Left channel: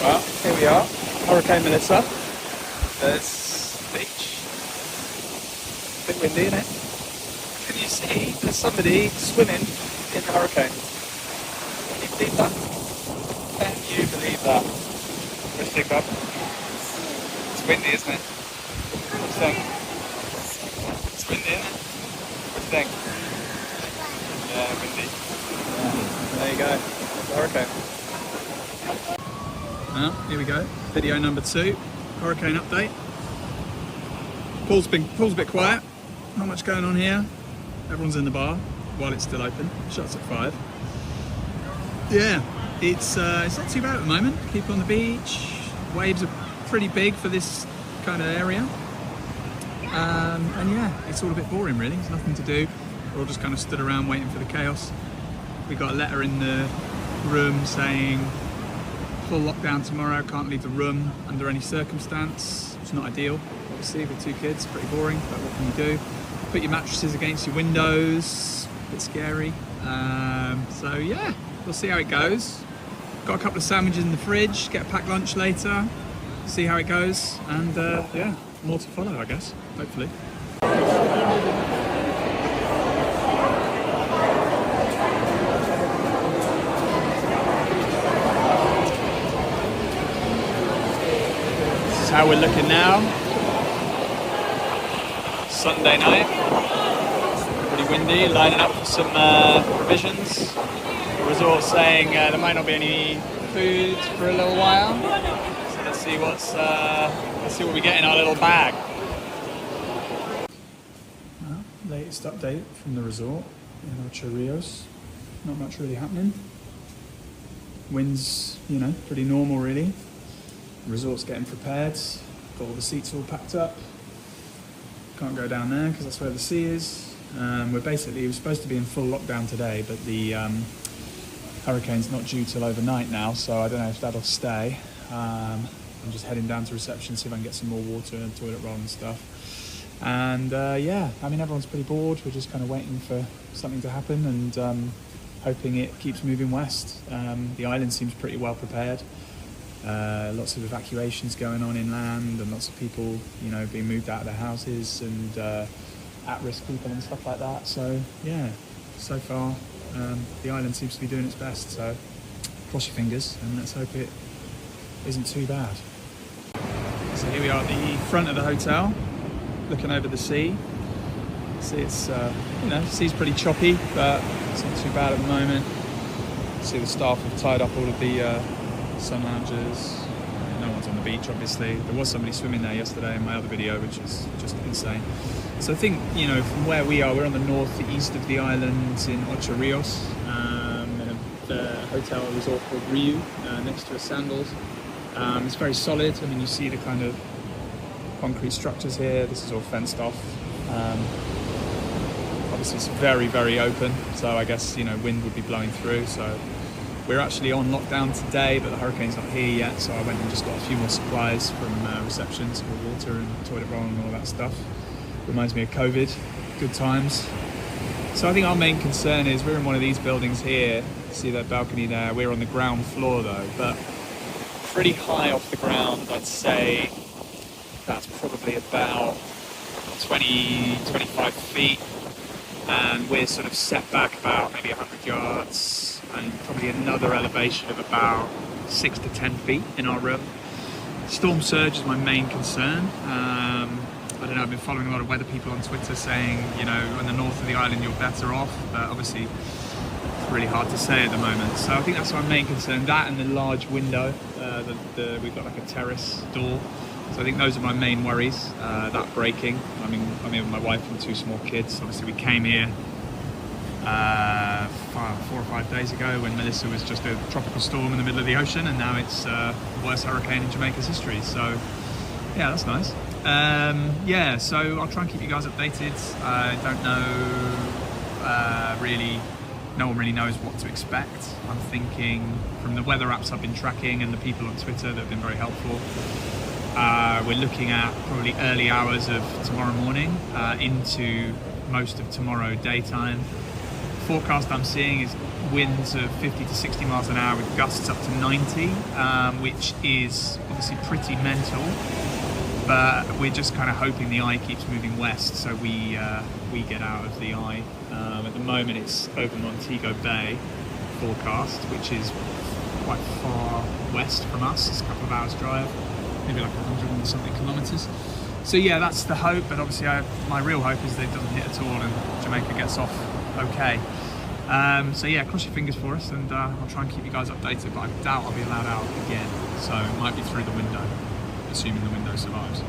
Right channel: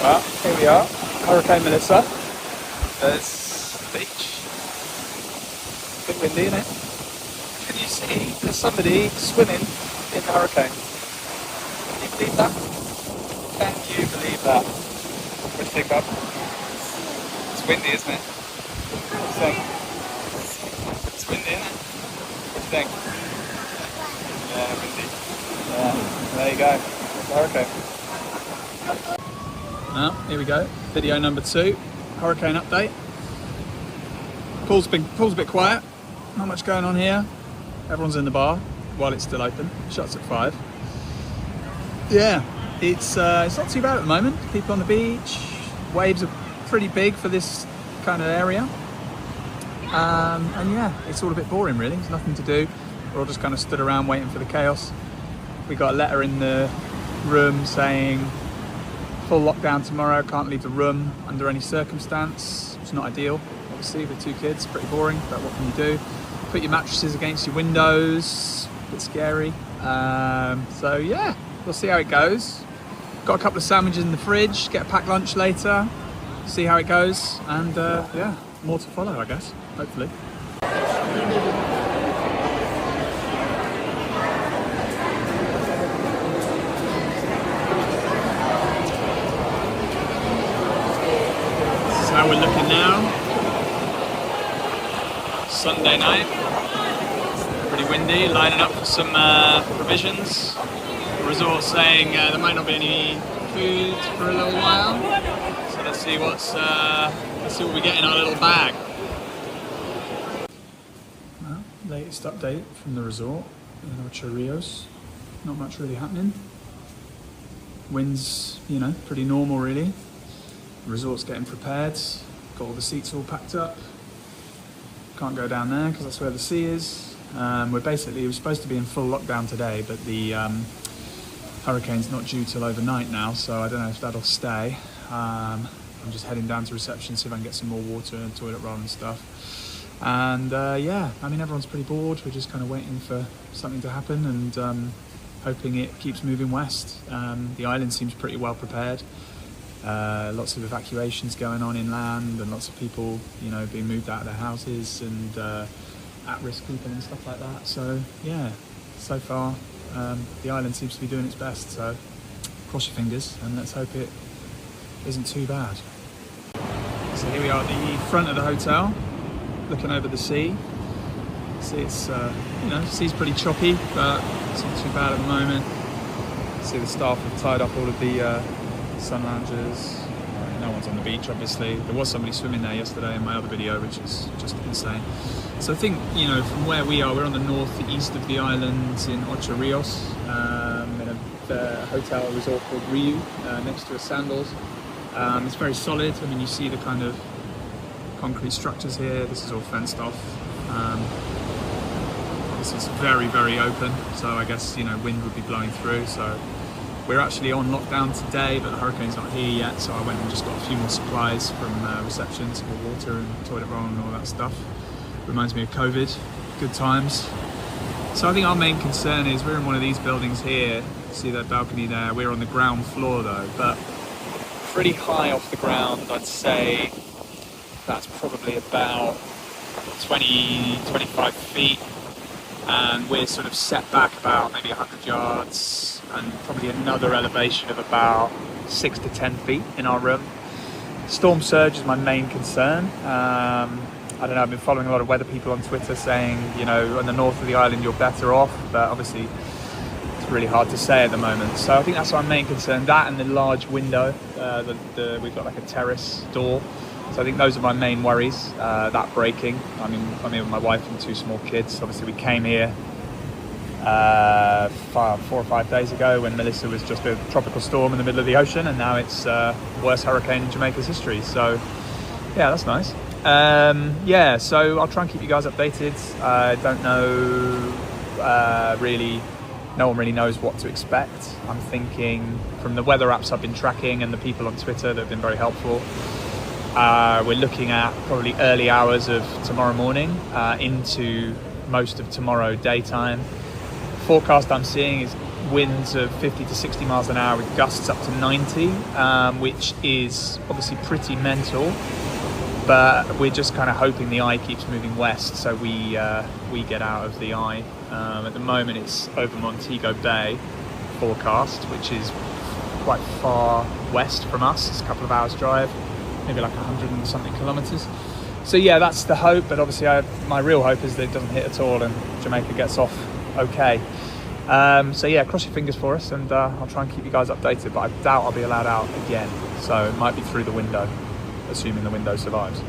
Well, here we are, Hurricane Melissa. There's the beach. A bit windy, isn't it? Can you see there's somebody swimming in the hurricane? Can you believe that? Can you believe that? What do you think, Bob? It's windy, isn't it? What do you think? It's windy, isn't it? What do you think? Yeah, windy. Yeah, there you go. There's the hurricane. Here we go. Video number 2. Hurricane update. Pool's a bit quiet. Not much going on here. Everyone's in the bar while it's still open. Shuts at 5. Yeah, it's not too bad at the moment. Keep on the beach. Waves are pretty big for this kind of area. And yeah, it's all a bit boring really. There's nothing to do. We're all just kind of stood around waiting for the chaos. We got a letter in the room saying full lockdown tomorrow, can't leave the room under any circumstance. It's not ideal, obviously, with 2 kids, pretty boring, but what can you do? Put your mattresses against your windows, a bit scary. So yeah, we'll see how it goes. Got a couple of sandwiches in the fridge, get a packed lunch later, see how it goes, and yeah, more to follow, I guess, hopefully. How we're looking now. Sunday night, pretty windy, lining up for some provisions. The resort saying there might not be any food for a little while, so let's see what we get in our little bag. Well, latest update from the resort in Ocho Rios. Not much really happening. Winds, you know, pretty normal really. The resort's getting prepared, got all the seats all packed up. Can't go down there because that's where the sea is. We're supposed to be in full lockdown today, but the hurricane's not due till overnight now, so I don't know if that'll stay. I'm just heading down to reception, see if I can get some more water and toilet roll and stuff. And yeah, I mean, everyone's pretty bored. We're just kind of waiting for something to happen and hoping it keeps moving west. The island seems pretty well prepared. Lots of evacuations going on inland and lots of people, you know, being moved out of their houses and at-risk people and stuff like that. So yeah, so far the island seems to be doing its best. So cross your fingers and let's hope it isn't too bad. So here we are at the front of the hotel, looking over the sea. See, it's you know, the sea's pretty choppy, but it's not too bad at the moment. See, the staff have tied up all of the sun loungers. No one's on the beach, obviously. There was somebody swimming there yesterday in my other video, which is just insane. So I think, you know, from where we are, we're on the northeast of the island in Ocho Rios, in a hotel resort called Riu, next to a Sandals. It's very solid. I mean, you see the kind of concrete structures here. This is all fenced off. Obviously, it's very, very open. So I guess, you know, wind would be blowing through. So we're actually on lockdown today, but the hurricane's not here yet, so I went and just got a few more supplies from reception, some more water and toilet roll and all that stuff. Reminds me of COVID, good times. So I think our main concern is we're in one of these buildings here. See that balcony there? We're on the ground floor though, but pretty high off the ground. I'd say that's probably about 20-25 feet, and we're sort of set back about maybe 100 yards. And probably another elevation of about 6 to 10 feet in our room. Storm surge is my main concern. I don't know, I've been following a lot of weather people on Twitter saying, you know, on the north of the island you're better off, but obviously it's really hard to say at the moment. So I think that's our main concern, that and the large window. We've got like a terrace door. So I think those are my main worries, that breaking. I mean, I'm here with my wife and 2 small kids. Obviously we came here 4 or 5 days ago when Melissa was just a tropical storm in the middle of the ocean, and now it's the worst hurricane in Jamaica's history. So yeah, that's nice. Yeah, so I'll try and keep you guys updated. I don't know really, no one really knows what to expect. I'm thinking from the weather apps I've been tracking and the people on Twitter that have been very helpful, we're looking at probably early hours of tomorrow morning into most of tomorrow daytime. Forecast I'm seeing is winds of 50 to 60 miles an hour with gusts up to 90, which is obviously pretty mental. But we're just kind of hoping the eye keeps moving west, so we get out of the eye. At the moment, it's over Montego Bay forecast, which is quite far west from us. It's a couple of hours drive, maybe like 100 and something kilometers. So yeah, that's the hope. But obviously, my real hope is that it doesn't hit at all and Jamaica gets off okay. So yeah, cross your fingers for us, and I'll try and keep you guys updated. But I doubt I'll be allowed out again, so it might be through the window, assuming the window survives.